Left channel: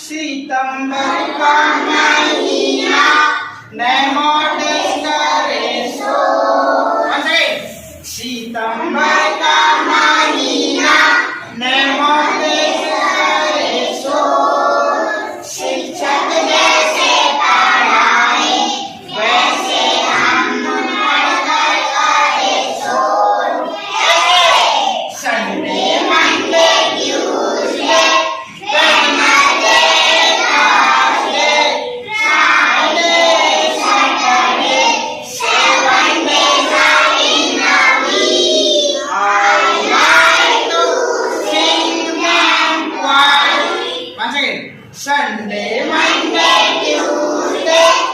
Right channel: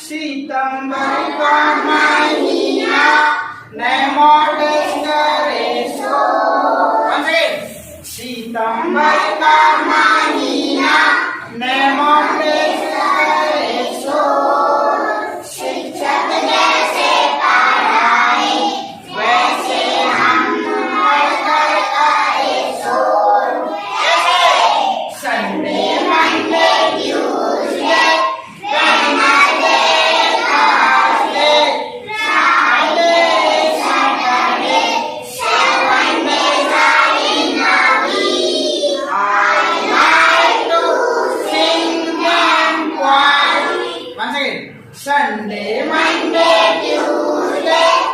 सितंबर का महीना सितंबर का महीना शिक्षक जैसे पढ़ाए वैसे हम पढ़कर करे so Sunday Monday Tuesday Wednesday Thursday Friday Saturday 7 days are in a week. I like to sing them once again. Sunday, Monday, Tuesday.